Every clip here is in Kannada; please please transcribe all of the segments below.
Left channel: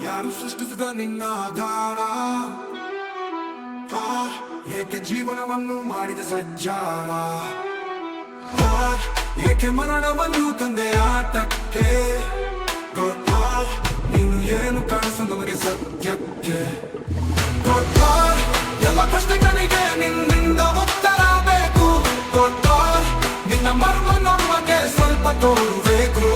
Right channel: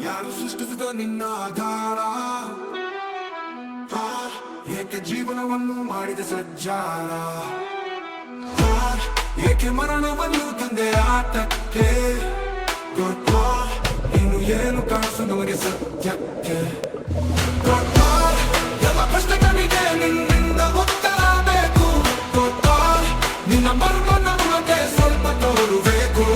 ಯಾರು ಸೃಷ್ಟಿಸಿದ ನಿನ್ನ ಆಧಾರ ಏಕೆ ಜೀವನವನ್ನು ಮಾಡಿದ ಸಜ್ಜಾರ ಏಕೆ ಮರಣವನ್ನು ತಂದೆ ಆಟಕ್ಕೆ ನೀನು ಏನು ಕಾಣಿಸು ನಮಗೆ ಸತ್ಯಕ್ಕೆ ಎಲ್ಲ ಪ್ರಶ್ನೆಗಳಿಗೆ ನಿನ್ನಿಂದ ಉತ್ತರ ಬೇಕು ನಿನ್ನ ಮರ್ಮ ನಮಗೆ ಸ್ವಲ್ಪ ತೋರಬೇಕು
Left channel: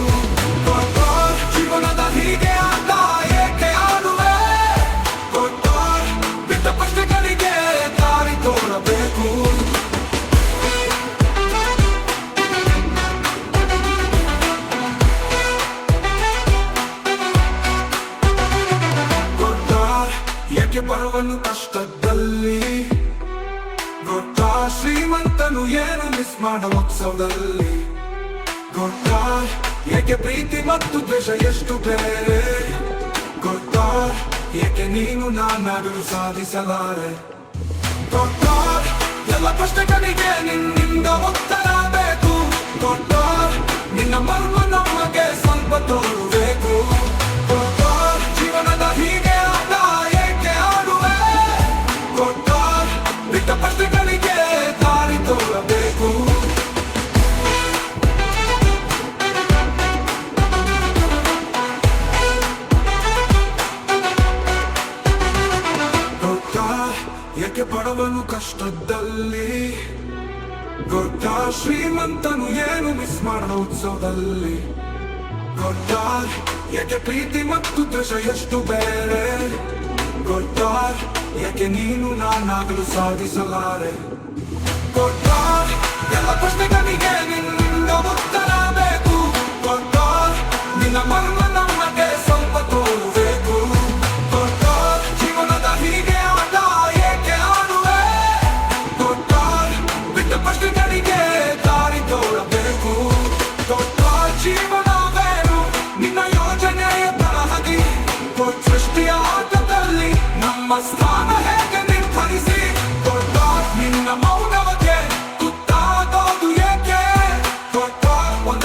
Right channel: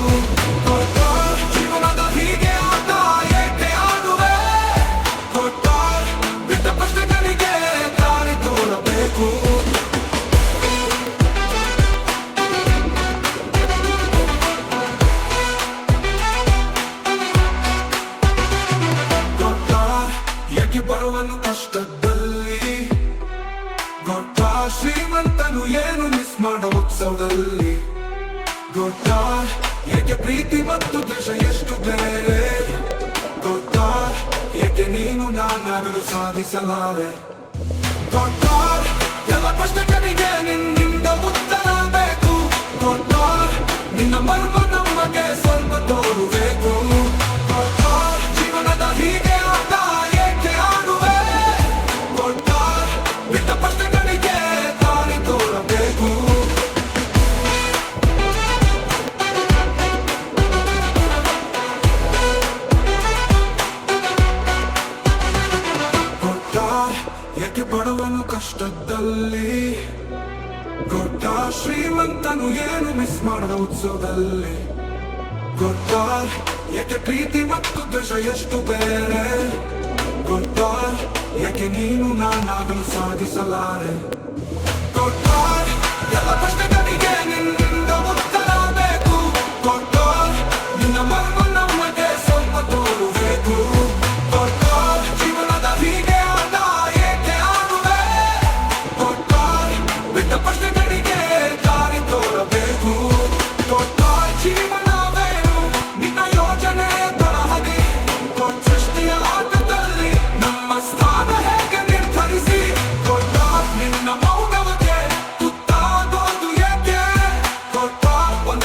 ಜೀವನದ ಹೀಗೆ ಆದ ಏಕೆ ಆಡುವೆ ಬಿಟ್ಟ ಪ್ರಶ್ನೆಗಳಿಗೆ ದಾರಿ ತೋರಬೇಕು ಏಕೆ ಬರುವನು ಕಷ್ಟದಲ್ಲಿ ಶ್ರೀಮಂತನು ಏನು ಮಿಸ್ ಮಾಡ ಉತ್ಸವದಲ್ಲಿ ಏಕೆ ಪ್ರೀತಿ ಮತ್ತು ದ್ವೇಷ ಎಷ್ಟು ಬೇರೆ ಏಕೆ ನೀನು ನಾನಾಗಲು ಸಾಧಿಸಲಾರೆ ಎಲ್ಲ ಪ್ರಶ್ನೆಗಳಿಗೆ ನಿನ್ನಿಂದ ಉತ್ತರ ಬೇಕು ನಿನ್ನ ಮರ್ಮ ನಮಗೆ ಸ್ವಲ್ಪ ತೋರಬೇಕು ಜೀವನದ ಹೀಗೆ ಆದ ಏಕೆ ಆಡುವೆ ಬಿಟ್ಟ ಪ್ರಶ್ನೆಗಳಿಗೆ ದಾರಿ ತೋರಬೇಕು ಏಕೆ ಬಡವನು ಕಷ್ಟದಲ್ಲಿ ಶ್ರೀಮಂತನು ಏನು ಮಿಸ್ ಮಾಡೋ ಉತ್ಸವದಲ್ಲಿ ಏಕೆ ಪ್ರೀತಿ ಮತ್ತು ದ್ವೇಷ ಎಷ್ಟು ಬೇರೆ ಏಕೆ ನೀನು ನಾನಾಗಲು ಸಾಧಿಸಲಾರೆ ಎಲ್ಲ ಪ್ರಶ್ನೆಗಳಿಗೆ ನಿನ್ನಿಂದ ಉತ್ತರ ಬೇಕು ನಿನ್ನ ಮರ್ಮ ನಮಗೆ ಸ್ವಲ್ಪ ತೋರಬೇಕು ಜೀವನದ ಹೀಗೆ ಆದ ಏಕೆ ಆಡುವೆ ಬಿಟ್ಟ ಪ್ರಶ್ನೆಗಳಿಗೆ ದಾರಿ ತೋರಬೇಕು ಜೀವನವೇನು ನಿನ್ನ ಯೋಜನೆಯ ತರಹದಿ ಸೃಷ್ಟಿಯ ಆಟದಲ್ಲಿ ನಮ್ಮ ಸ್ಥಾನ ಹೇಗೆ ನಿರ್ಧರಿಸಿ ನಿನ್ನ ಮೌನವಕ್ಕೆ ತುತ್ತಾಗೋದು ಏಕೆ ಒಂದ